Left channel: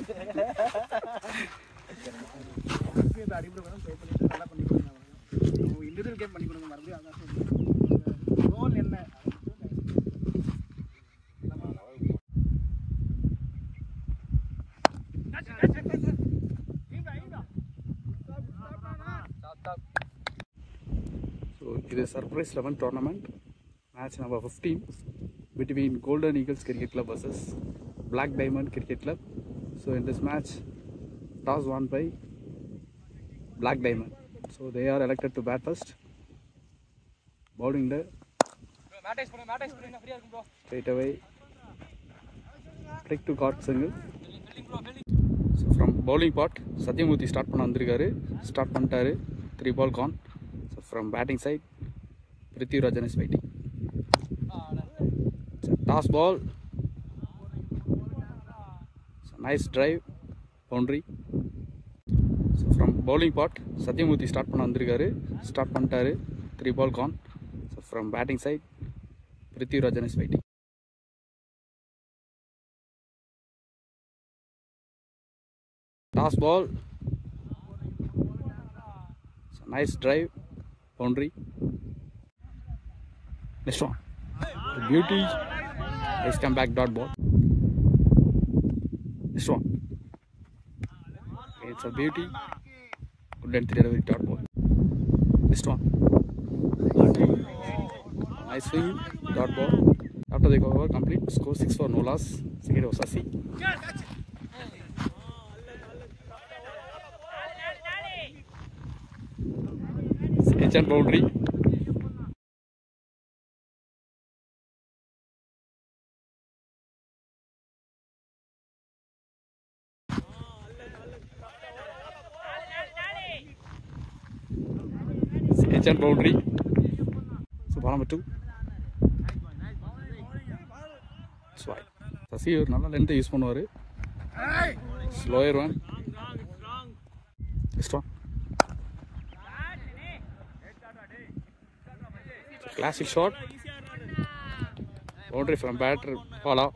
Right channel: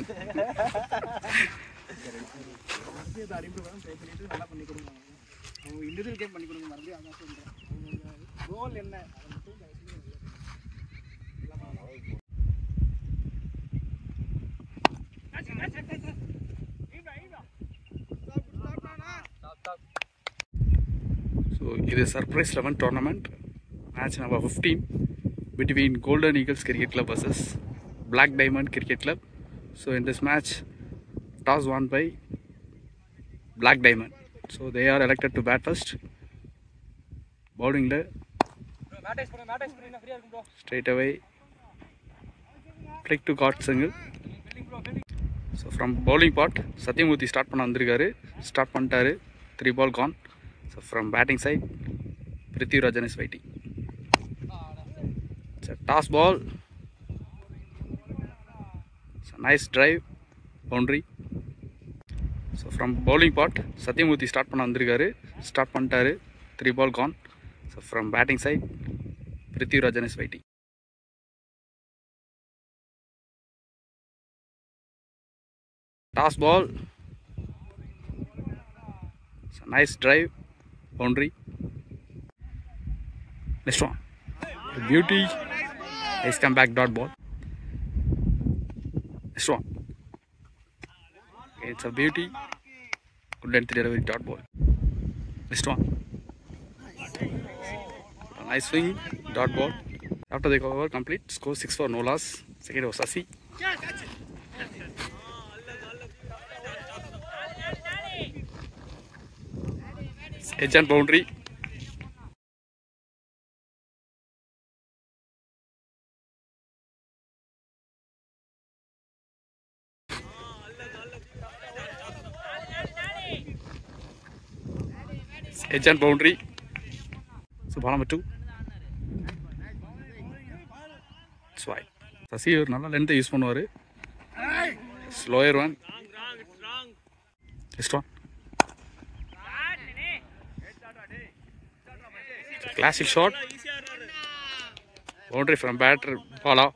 So it is surprise 11 tournament match number 15 between Golden Eagles Cricket Club versus Black Diamond Cricket Club. So in this match, toss won by Black Diamond. So they are elected to bat first. Bowling the straight away flick to caught single. So from bowling part, Satyamurthy start பண்ண வந்திருக்காரு. Start பண்ணிட்டாரு. 3 ball gone. So from batting side, Prithviraj is waiting. It's a toss ball. It's a nice drive, boundary. So from bowling part, Satyamurthy start பண்ண வந்திருக்காரு. Start பண்ணிட்டாரு. 3 ball gone. So from batting side, Prithviraj is waiting. Toss ball. It's a nice drive, boundary. Next one. The beauty. Nice comeback, dot ball. Next one. It's a beauty. Good length delivery, dot ball. Next one. A nice swing, dot ball. After the cover complete, score 6 for no loss. Second was Sasi. Edge and boundary. Edge and boundary. So ball number 2. It's wide. Sasi ஒரு நல்ல length use பண்ணுவாரு. Slower one. Next one. Classic shot. Boundary from batter. Ball out.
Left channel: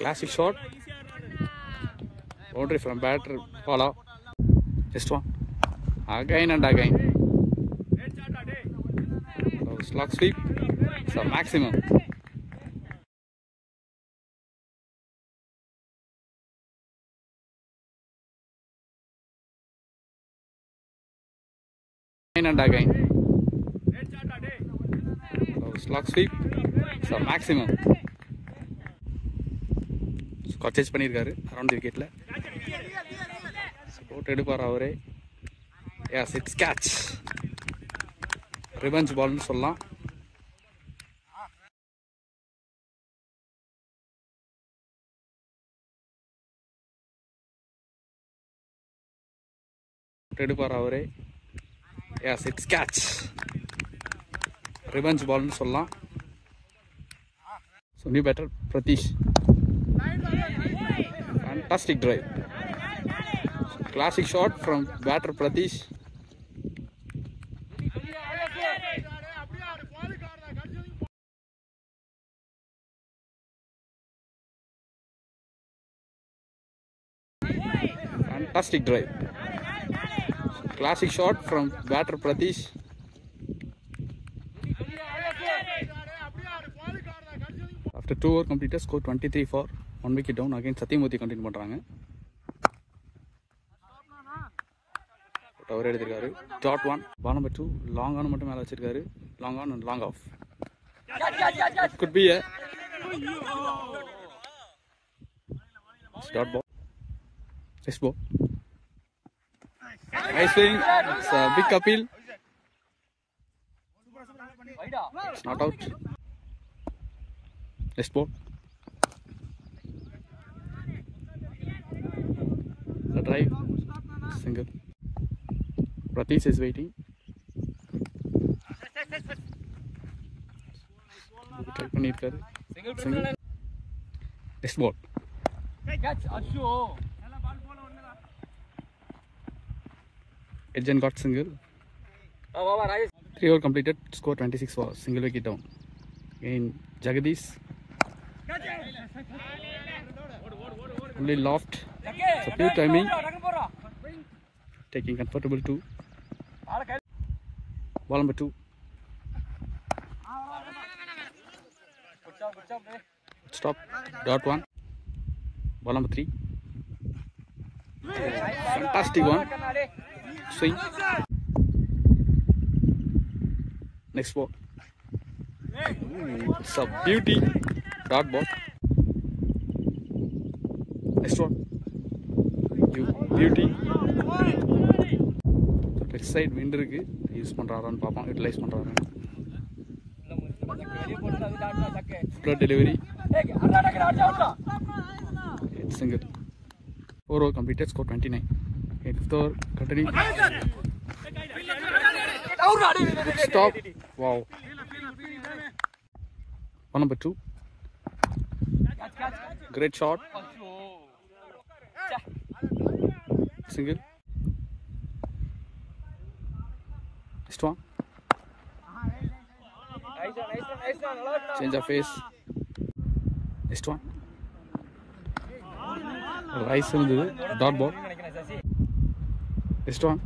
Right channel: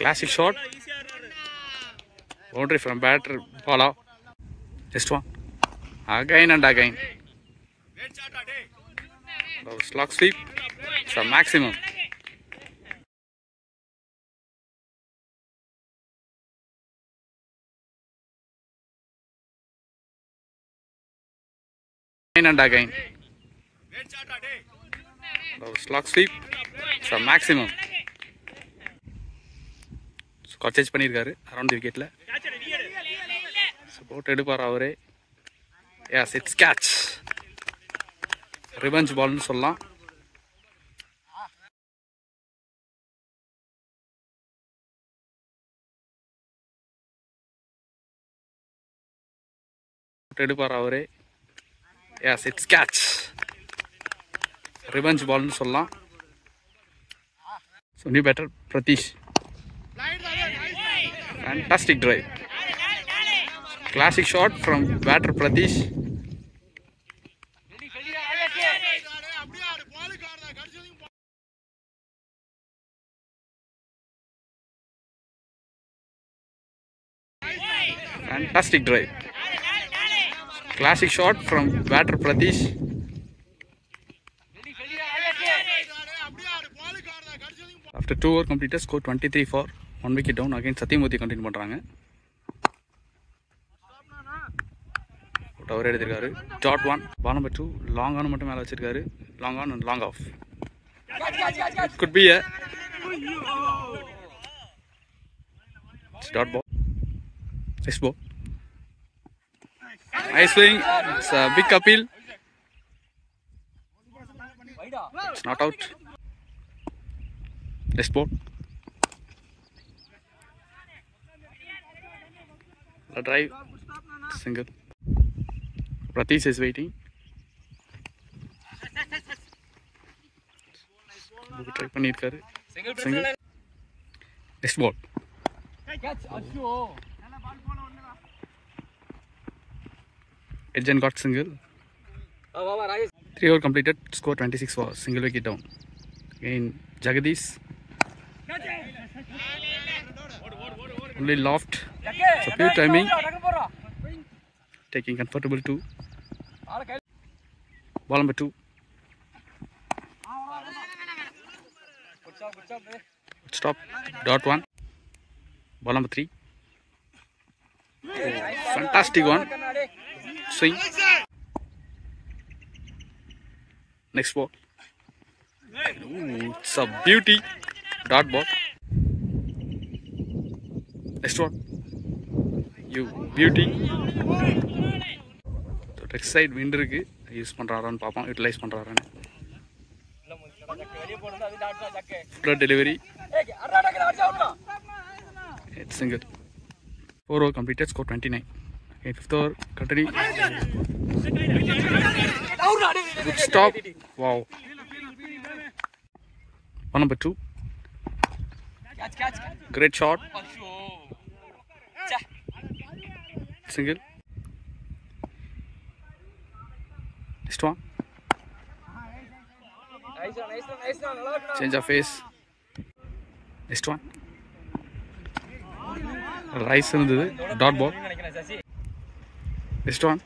Classic shot. Boundary from batter. Ball out. Just one. Again and again. So slog sweep. It's a maximum. Again and again. So slog sweep. It's a maximum. Catch பண்ணிருக்காரு around the விக்கெட்ல. Support எடுப்பார் அவரே. Yes it's catch. Revenge பால்னு சொல்லலாம். எடுப்பார் அவரே. Yes it's catch. Revenge பால்னு சொல்லலாம். So new batter Pratish. Fantastic drive. Classic shot from batter Pratish. Fantastic drive. Classic shot from batter Pratish. After 2 overs completed, score 23 for 1 wicket down. Again Satyamurthy continue பண்றாங்க. அவர் எடுத்திருக்காரு. Dot 1. Ball number 2. Long on மட்டும் மேல வச்சிருக்காரு. Long on and long off. It could be a dot ball. Nice ball. Nice swing. It's a big appeal. It's not out. Nice ball. The drive. Single. Pratish is waiting. Try பண்ணிருக்காரு. Single. Next ball. Edge and got single. 3 over completed, score 26 for single wicket down. Again, Jagadish. Only loft. It's a pure timing. Taking comfortable 2. Ball number 2. Stop. Dot 1. Ball number 3. Fantastic one. Swing. Next ball. Ooh, it's a beauty. Dot ball. Next one. You beauty. So next side wind இருக்கு use பண்றாரான்னு பாப்போம் utilise பண்றாரான்னு. Flood delivery. It's single. 4 over completed, score 29. Okay, 5th over continue. Good stop. Wow. Ball number 2. Great shot. Single. Next one. Change of face. Next one. Rice இருந்தது dot ball. Next one.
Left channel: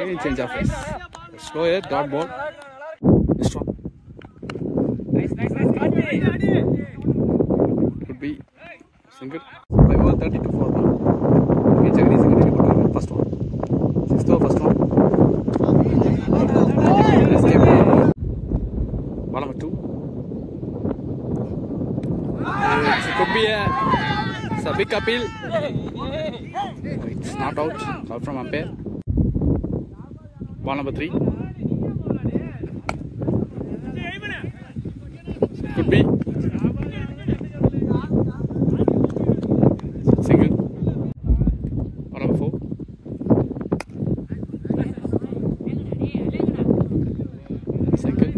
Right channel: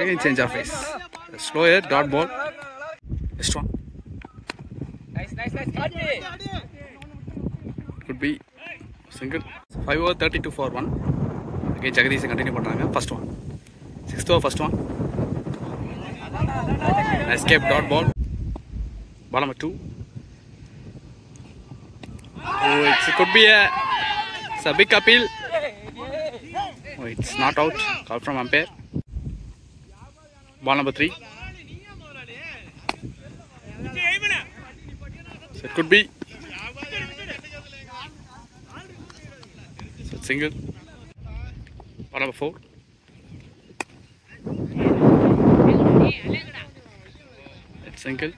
Again change of face. Slower dot ball. Next one. Could be single. 5 over 32 for 1. Okay, Jagadish continue பண்றாங்க. First one. 6th over first one. Escape dot ball. Ball number 2. Oh, it could be it's a big appeal. Oh, it's not out. Call from umpire. Ball number 3. So it could be single. Ball number 4. It's single.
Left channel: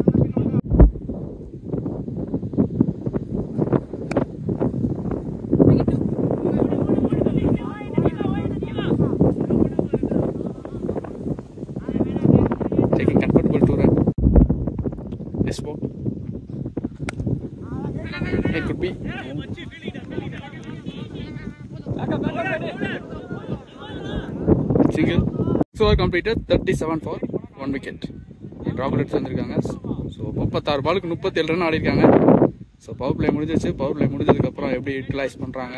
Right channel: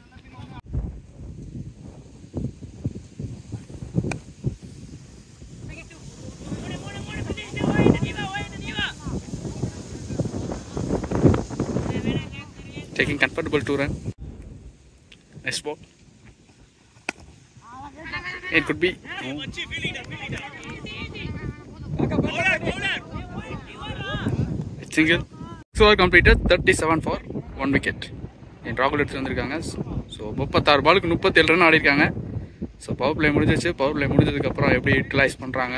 Taking comfortable 2 run. Next ball. It could be. Single. So completed 37 for 1 wicket. In Rahul எடுத்துருக்காங்க. So 36 பாலுக்கு 37 run ஆடிருக்காங்க. So power play முடிஞ்சிச்சு. Power play முடிஞ்சதுக்கப்புறம் எப்படி utilize பண்ணுறாங்க,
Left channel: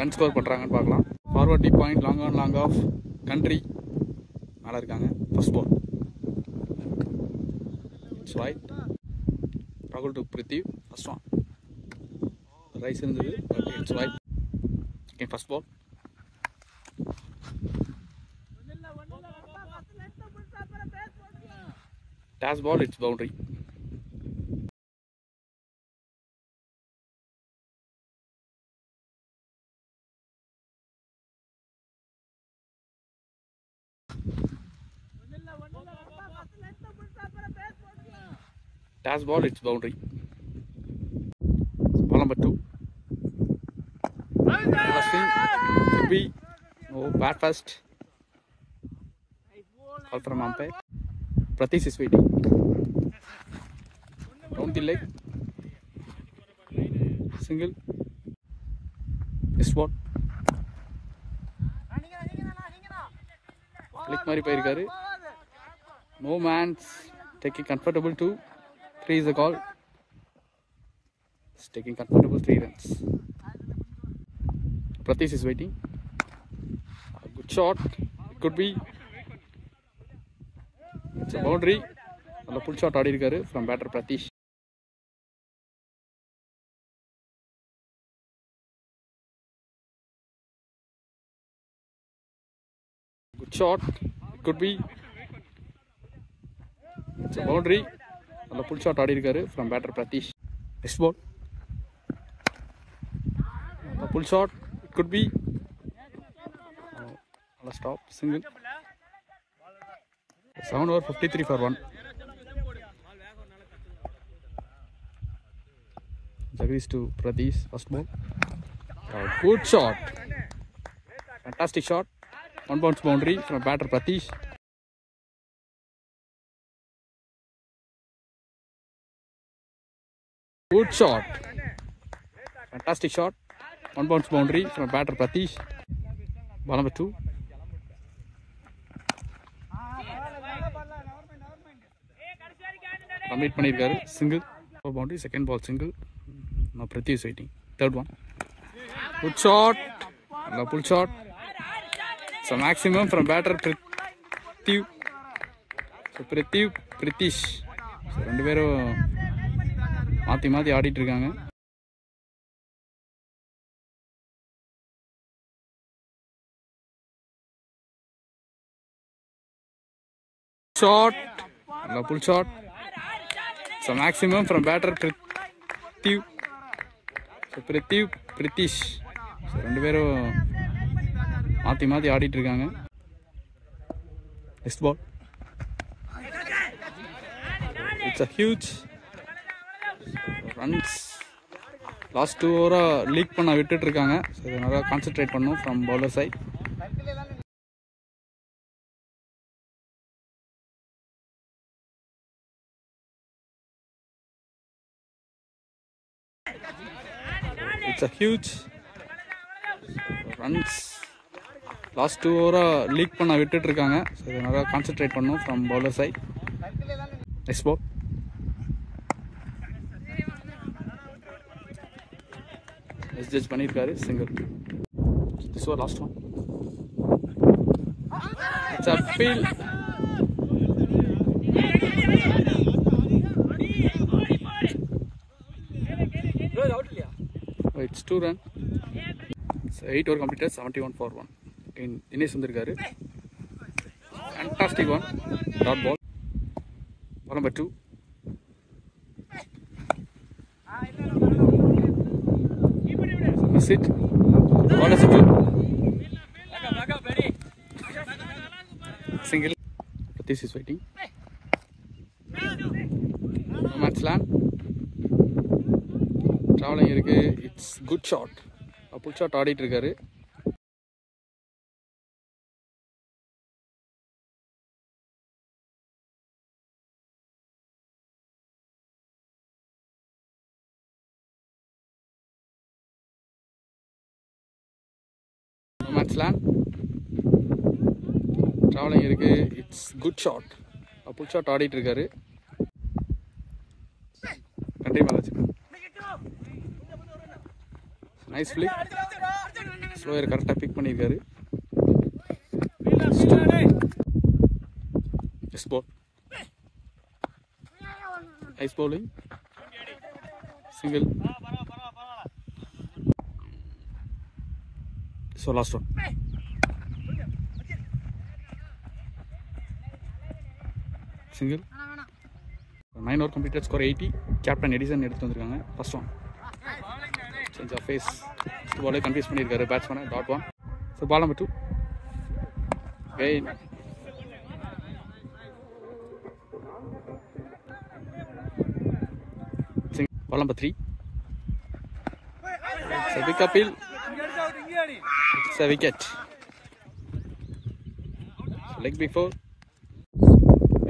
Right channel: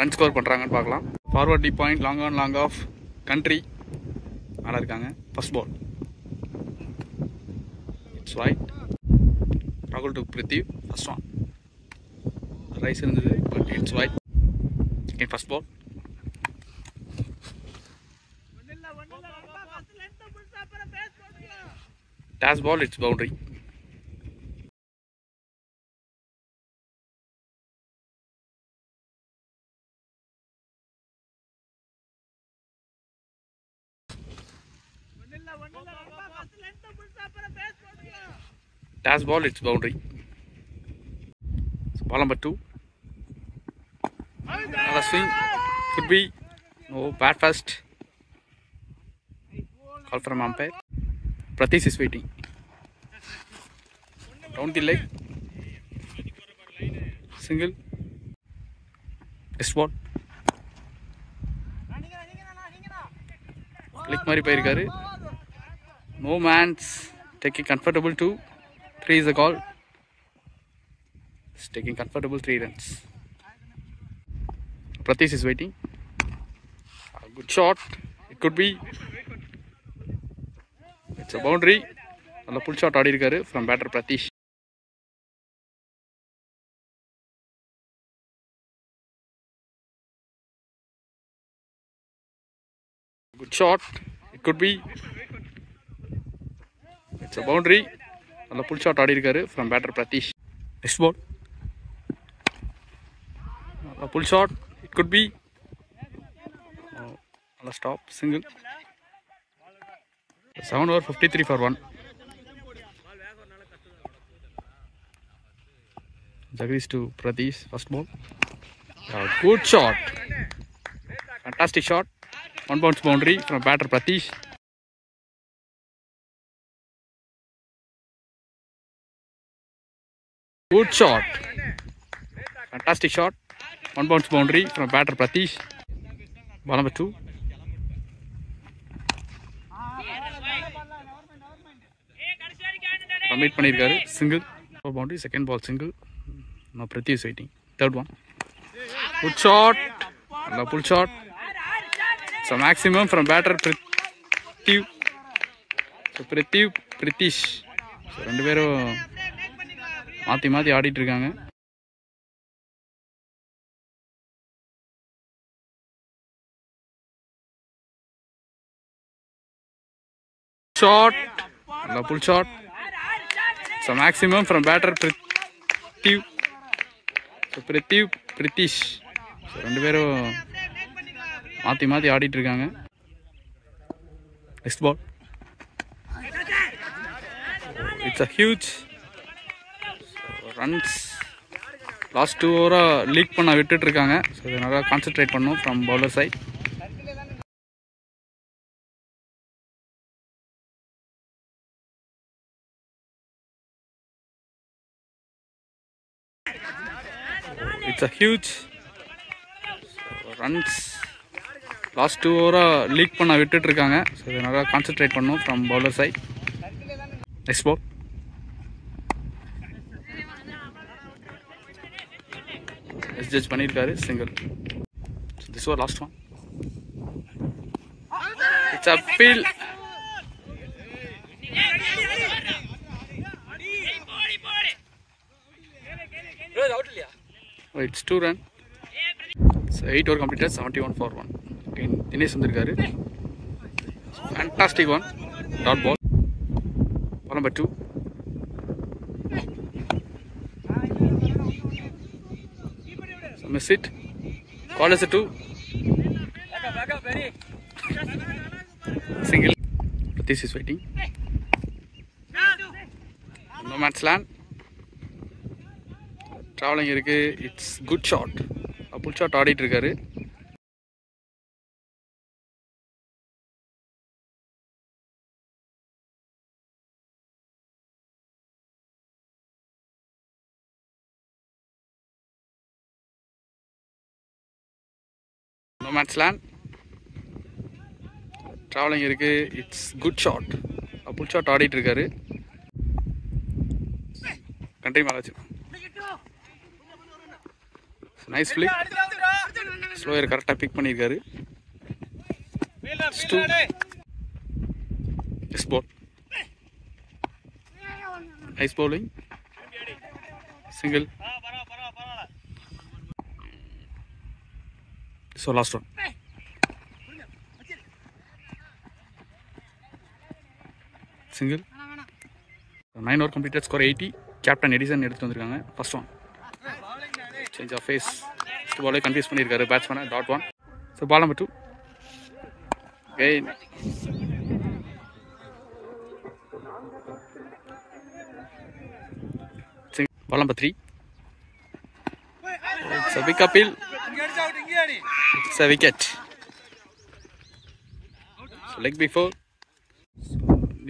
run score பண்ணுறாங்கன்னு பார்க்கலாம். Forward deep point, long on long off, country நல்லா இருக்காங்க. First ball. It's right. Rahul took Prithvi. First one. Rice இருந்தது, but it's right. Okay, first ball. Dash ball, it's boundary. Dash ball, it's boundary. So ball number 2. Last swing. Could be. No, bat first. Call from umpire. Pratish is waiting. Down the leg. Single. Next ball. Click மாதிரி போயிருக்காரு. No man's taking comfortable 2. 3 is the call. It's taking comfortable 3 runs. Pratish is waiting. A good shot. It could be. It's a boundary. நல்ல pull shot ஆடி இருக்காரு from batter Pratish. Good shot. It could be. It's a boundary. நல்ல pull shot ஆடி இருக்காரு from batter Pratish. Next ball. நல்ல pull shot. It could be. நல்ல stop. Single. 7 over 53 for 1. Jagadish to Pratish. First ball. Good shot. Fantastic shot. 1 bounce boundary from batter Pratish. Good shot. Fantastic shot. 1 bounce boundary from batter Pratish. Ball number 2. Commit பண்ணிருக்காரு. Single. Boundary. Second ball single. Now Pratish waiting. Third one. Good shot. Another pull shot. So maximum from batter Pratish. So Pratish. So ரெண்டு பேரும் மாத்தி ஆடிட்டு இருக்காங்க. Shot. Another pull shot. So maximum from batter Pratish. So Pratish. So ரெண்டு பேரும் மாத்தி ஆடிட்டு இருக்காங்க. Next ball. It's a huge runs. Last 2 over leak பண்ண விட்டுட்டு இருக்காங்க. So அதனால கான்சென்ட்ரேட் பண்ணனும் from bowler side. It's a huge runs. Last 2 over leak பண்ண விட்டுட்டு இருக்காங்க. So அதனால கான்சென்ட்ரேட் பண்ணனும் from bowler side. Next ball. Judge பண்ணிருக்காரு single. So this was last one. It's a field. Oh, it's 2 run. So 8 over completed, 71 for 1. Again Dinesh வந்திருக்காரு. Fantastic one. Dot ball. Ball number 2. So miss it. Ball is a 2. Single. Pratish is waiting. No man's land. Traveling இருக்கு. It's good shot. A pull shot ஆடிட்டு இருக்காரு. No man's land. Traveling இருக்கு. It's good shot. A pull shot ஆடிட்டு இருக்காரு. கண்டை மேல வச்சு. Nice flick. Slower கரெக்ட்டா பிக் பண்ணிருக்காரு. Yes ball. Nice bowling. Single. So last one. Single. 9 over completed, score 80. Captain Edison எடுத்து வந்திருக்காங்க. First one. Change of face. First ball confuse பண்ணிருக்காரு batsman. Dot 1. So ball number 2. Again. Ball number 3. It's a big appeal. It's a wicket. So leg before.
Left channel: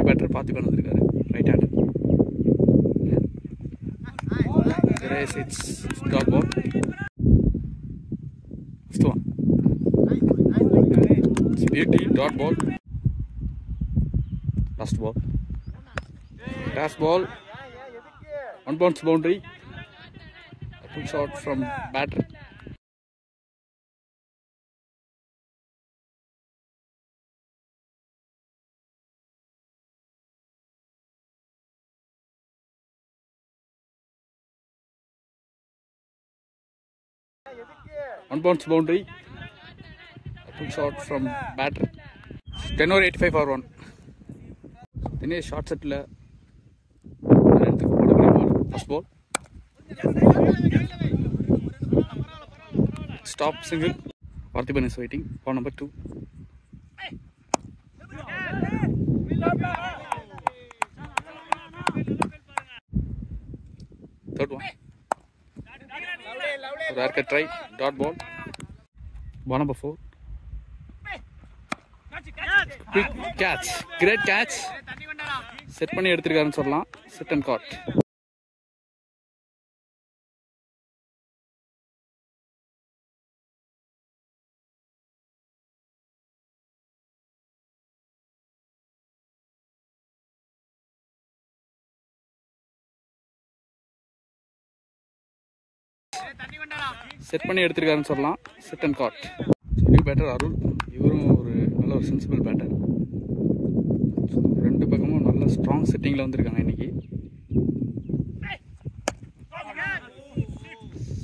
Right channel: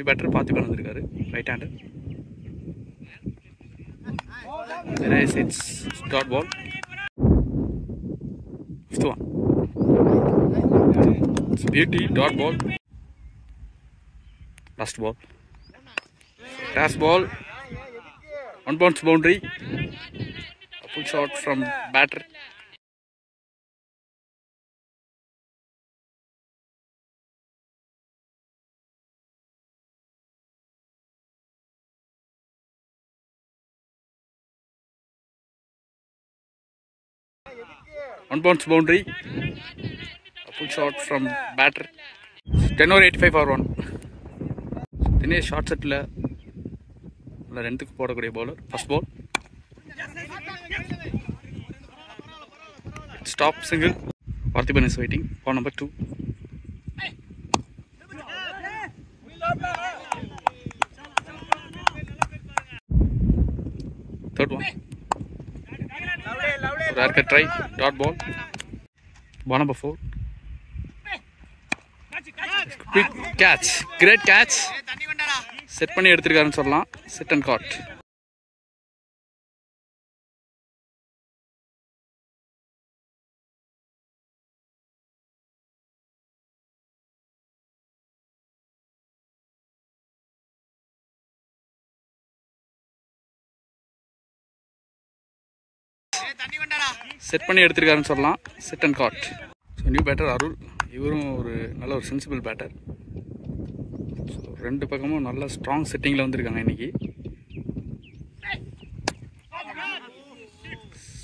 Batter Pathipan வந்திருக்காரு. Right hander. There is it's dot ball. Fifth one. It's beauty dot ball. Last ball. Last ball. 1 bounce boundary. A full shot from batter. One bounce boundary. A full shot from batter. 10 over 85 for 1. Dinesh short set la ரெண்டுக்கு போடக்கூடிய ball. First ball. Stop single. Parthiban is waiting. Ball number 2. Third one. Rare cut try. Dot ball. Ball number 4. Quick catch. Great catch. Set பண்ணி எடுத்துருக்காருன்னு சொல்லலாம். Sit and caught. Set பண்ணி எடுத்திருக்காருன்னு சொல்லலாம். Set and caught. So new batter Arul. இவரும் ஒரு நல்ல ஒரு sensible batter. So ரெண்டு பக்கமும் நல்ல ஸ்ட்ராங் செட்டிங்கில் வந்திருக்காங்க இன்றைக்கி.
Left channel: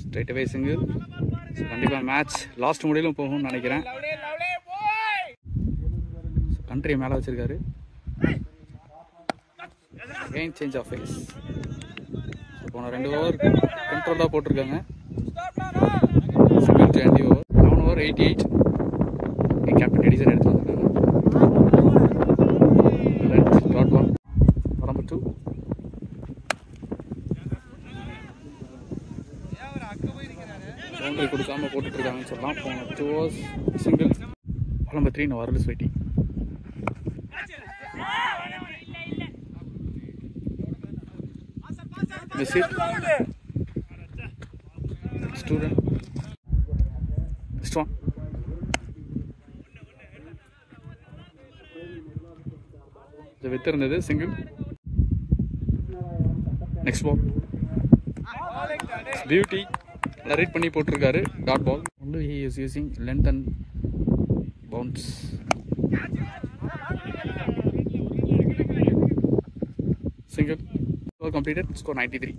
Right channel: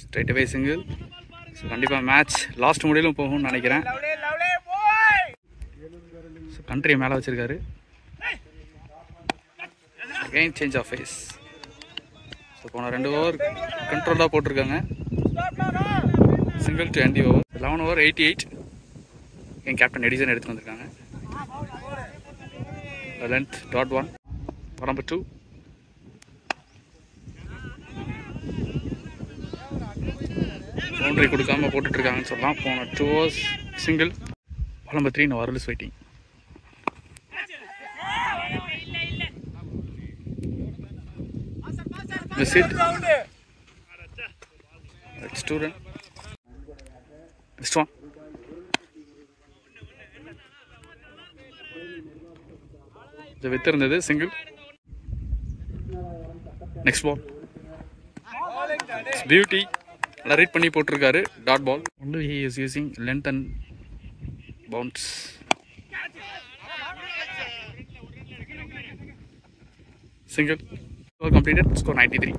Straight away single. ஸோ கண்டிப்பாக மேட்ச் லாஸ்ட் முடியலும் போகும்னு நினைக்கிறேன். ஸோ கண்ட்ரியை மேலே வச்சுருக்காரு. Again change of pace. So போன 2 ஓவர் கண்ட்ரோலாக போட்டிருக்காங்க. Single to end the over. 11 over 88. என் கேப்டன் எடிசன் எடுத்து வந்திருக்காங்க. Length .1 number 2. பவுண்டரி கொடுக்காம போட்டுட்ருக்காங்கன்னு சொல்லலாம். போன 2 overs single. Number 3 number is waiting. Miss it. It's 2 run. Next one. The width இருந்தது சிங்கிள். Next ball. பியூட்டி. நல்லா ரீட் பண்ணி போட்டிருக்காரு. Dot ball. Only he is using length and bounce. Single. Completed. Score 93.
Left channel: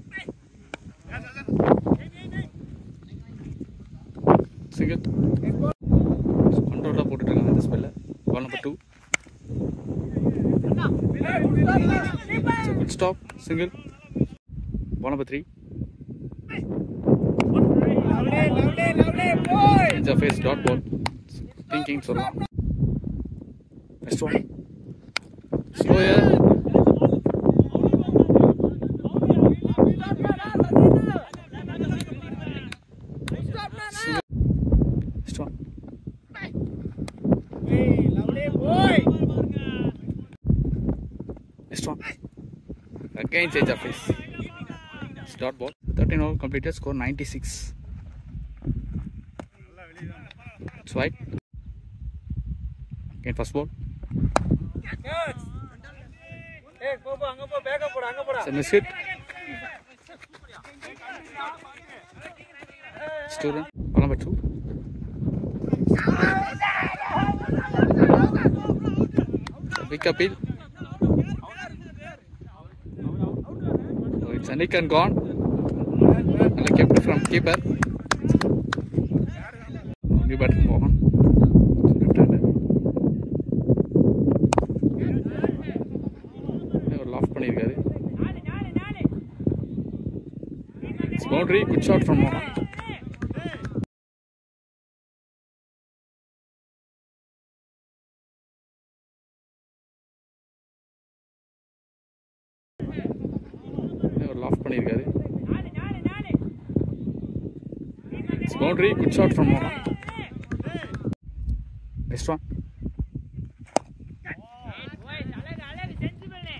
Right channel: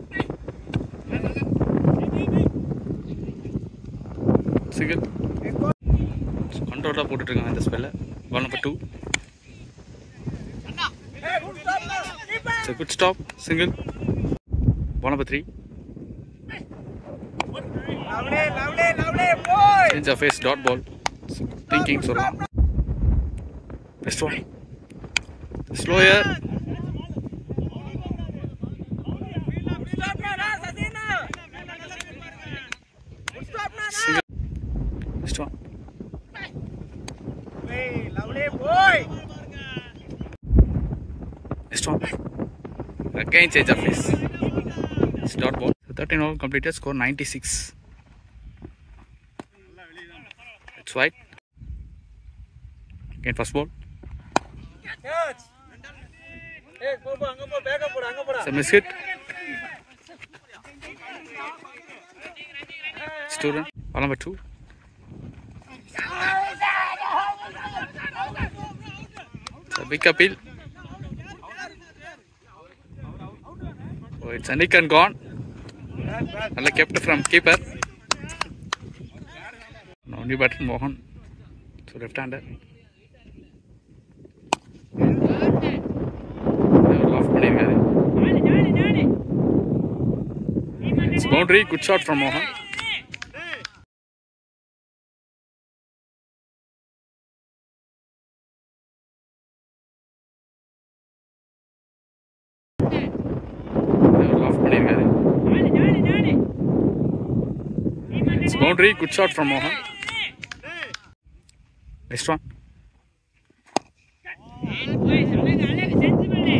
Single. Controller போட்டுருக்காங்க இந்த ஸ்பெல்ல. Ball number 2. It's a good stop. Single. Ball number 3. Change of face. Dot ball. Thinking சொல்லலாம். Next one. Slower. Single. Next one. Next one. Again change of face. It's dot ball. 13 over completed. Score 96. It's wide. Again first ball. It's a miss hit. It's 2 run. Ball number 2. It's a big appeal. So it's a nick and gone. Well kept from keeper. New batter Mohan. So left hander. Loft பண்ணிருக்காரு. It's boundary. Good shot from Mohan. Loft பண்ணிருக்காரு. It's boundary. Good shot from Mohan. Next one.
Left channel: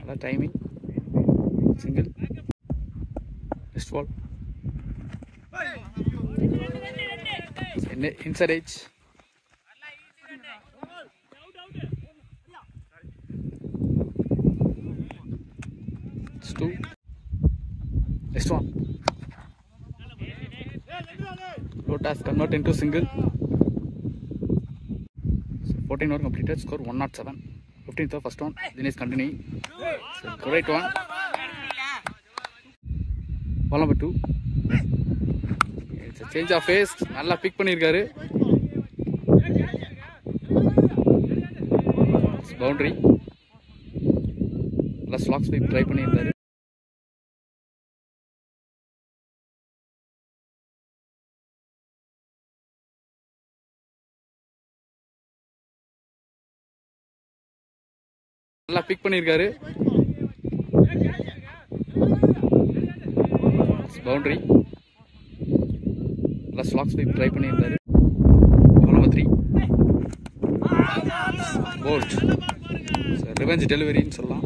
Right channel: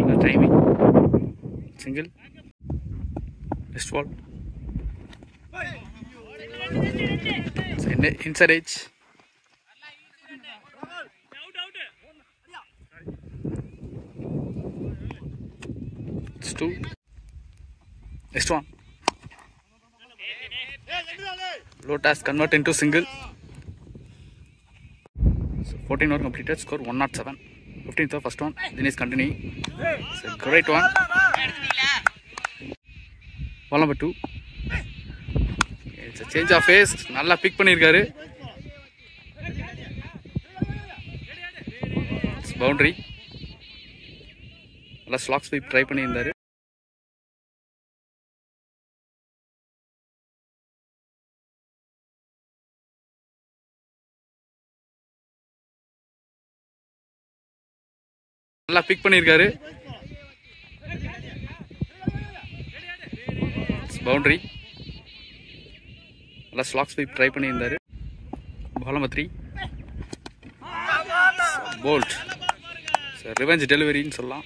The timing. Single. Next ball. It's inside edge. It's 2. Next one. Low task convert into single. So 14 over completed. Score 107. 15th over first one. Then is continuing. It's a great one. Ball number 2. It's a change of face. நல்லா big பண்ணிருக்காரு. It's boundary. நல்லா slack sweep try பண்ணியிருந்தாரு. நல்லா big பண்ணிருக்காரு. Boundary. நல்லா slack sweep try பண்ணியிருந்தாரு. Ball number 3. Bowled. Revenge டெலிவரின்னு சொல்லலாம்.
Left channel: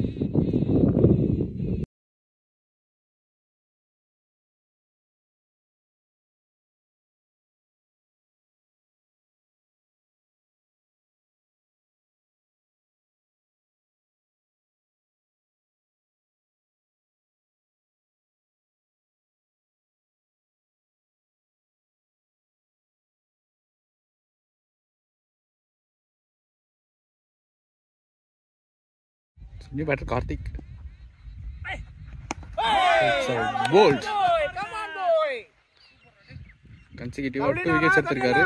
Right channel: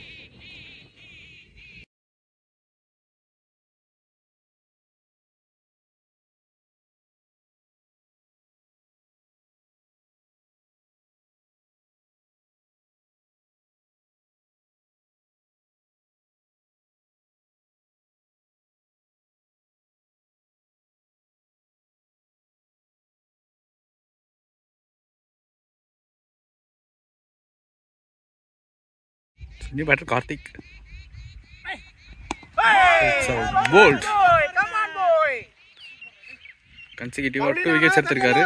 New batter Karthik. It's a bold. Come on, boy. Consecutive 2 wickets எடுத்திருக்காரு.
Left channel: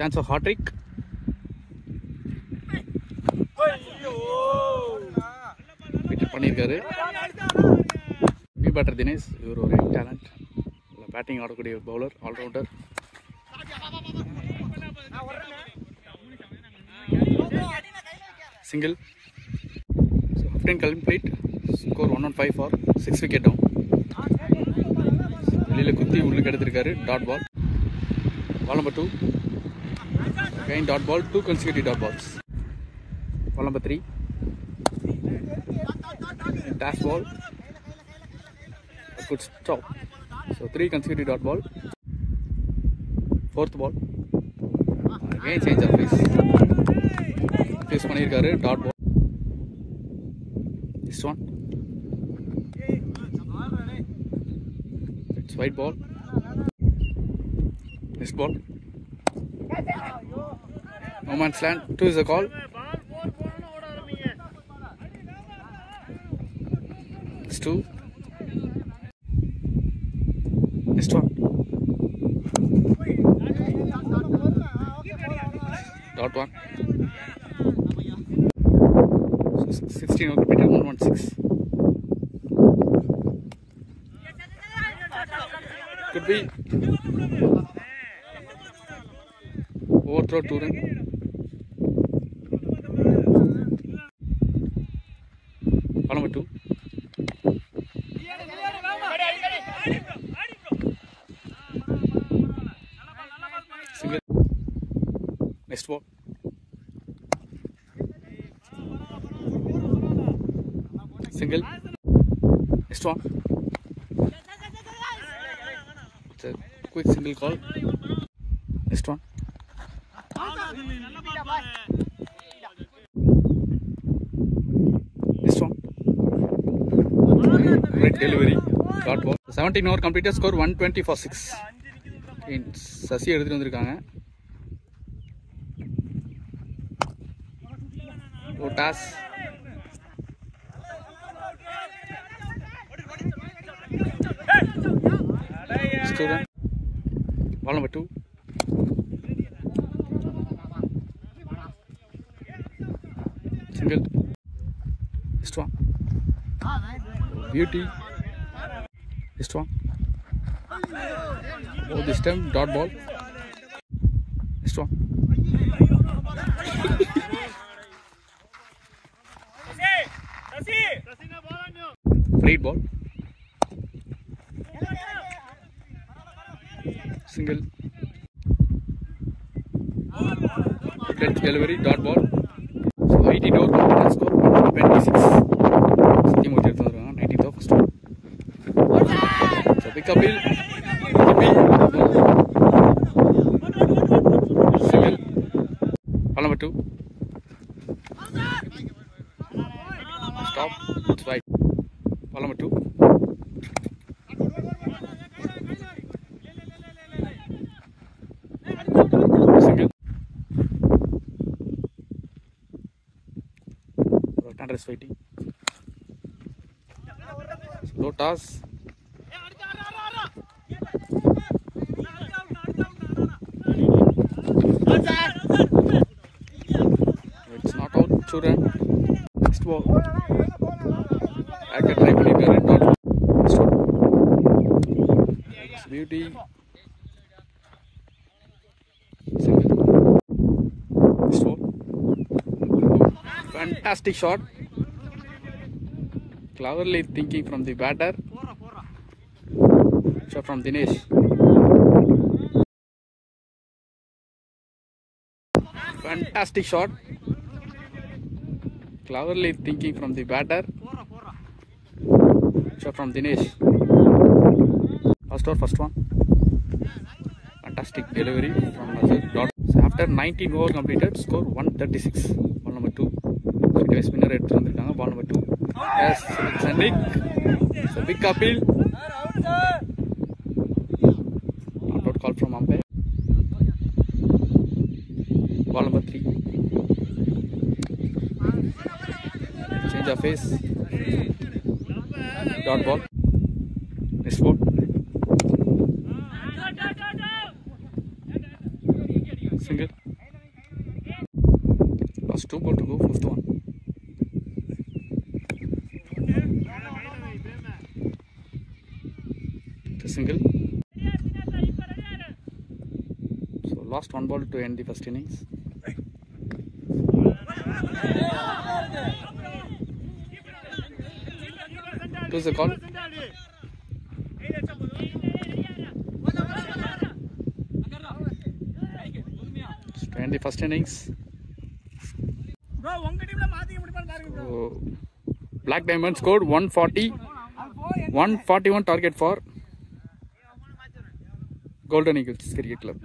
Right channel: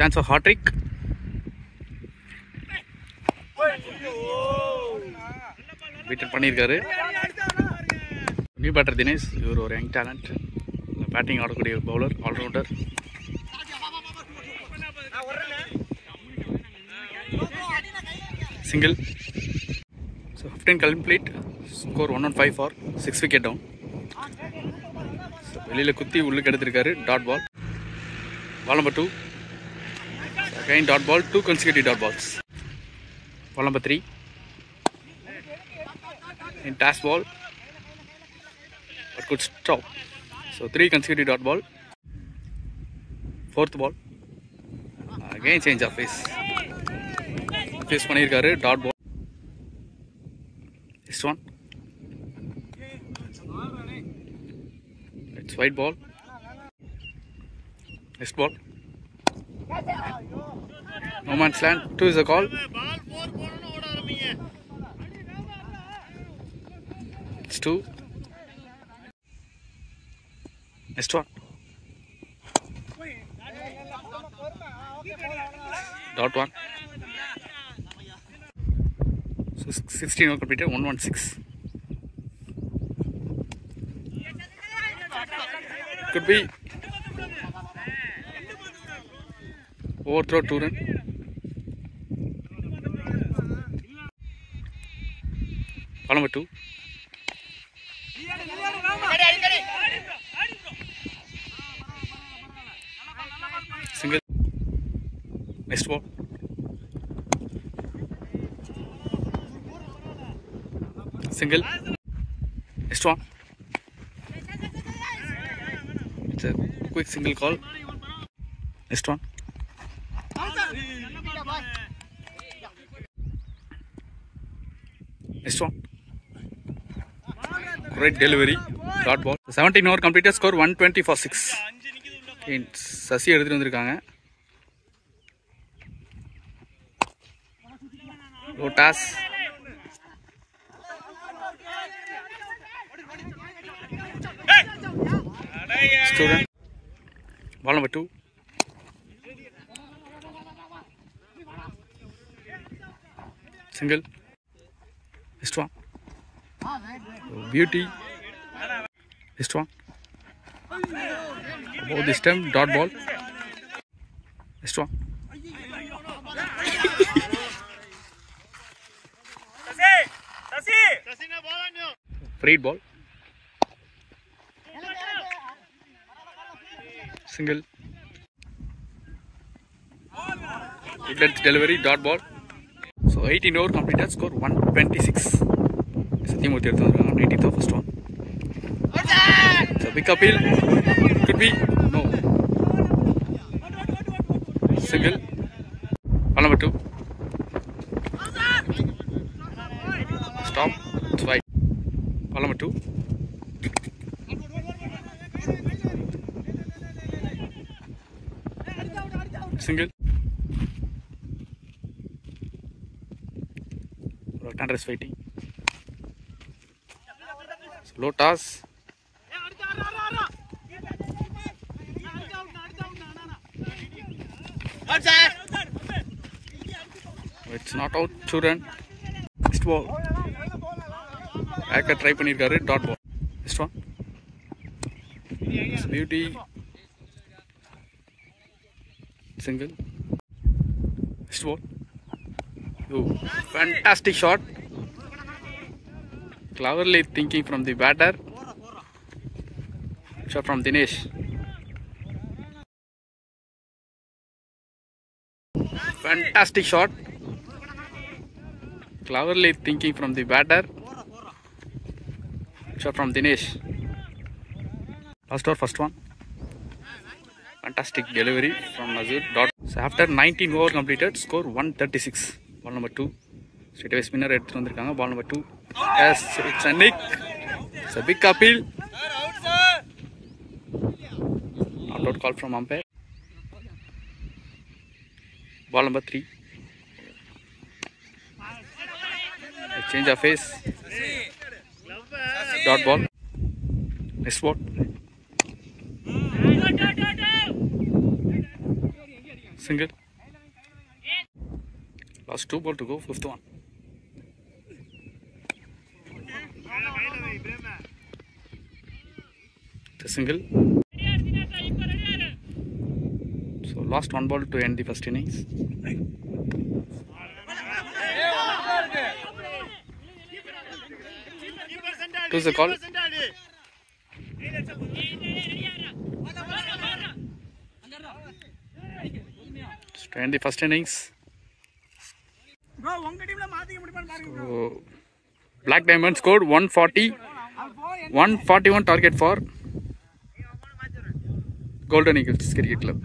Chance of hat trick. Wicket பண்ணியிருக்காரு. New batter Dinesh. இவர் ஒரு யங் டேலண்ட், பேட்டிங் ஆடக்கூடிய bowler, all rounder. Single. So 15 complete. Score 105 for 6 wicket down. வெளியில் குத்தி உள்ளுக்கு எடுத்திருக்காரு. Dot ball. Ball number 2. Again dot ball, 2 consecutive dot balls. Ball number 3. In dash ball, but good stop. So 3 consecutive dot ball. 4th ball. Again change of pace. Pace பண்ணிருக்காரு. Dot ball. This one. It's white ball. Next ball. No man's land. 2 is the call. It's 2. Next one. Dot 1. So 16 over completed. 116. Could be overthrow 2 run. Ball number 2. Single. Next ball. Single. Next one. It's a quick single call. Next one. Next one. Great delivery. Dot ball. 17 over completed. Score 120 for 6. Sasi எடுத்துட்டு வந்திருக்காங்க. Lotus. Student. Ball number 2. Single. Next one. Beauty. Next one. Oh, this time dot ball. Next one. Free ball. Single. Good delivery. Dot ball. So 18 over completed. Score 126. Satyamurthy எடுத்து வந்திருக்காங்க. 19th first one. So big appeal. Could be no. Single. Ball number 2. Stop. It's wide. Ball number 2. Single. Right-hander is fighting. Low toss. It's not out. 2 run. Next ball. Back try பண்ணிருக்காரு. Dot ball. Next one. It's beauty. Single. Next ball. Oh, fantastic shot. Cleverly thinking from the batter. Shot from Dinesh. Fantastic shot. Cleverly thinking from the batter. Shot from Dinesh. Last over, first one. Fantastic delivery from Nazir. Dot. So after 19 over completed, score 136. Ball number 2. Straight away spinner எடுத்துட்டு வந்திருக்காங்க. Ball number 2. Yes, it's a nick. It's a big appeal. Not out call from umpire. Ball number 3. Change of face. Dot ball. Next ball. Single. Last 2 ball to go, 5th one. The single. So last 1 ball to end the first innings. Who's the call? To end the first innings. So, Black Diamond scored 140. 141 target for Golden Eagles Cricket Club.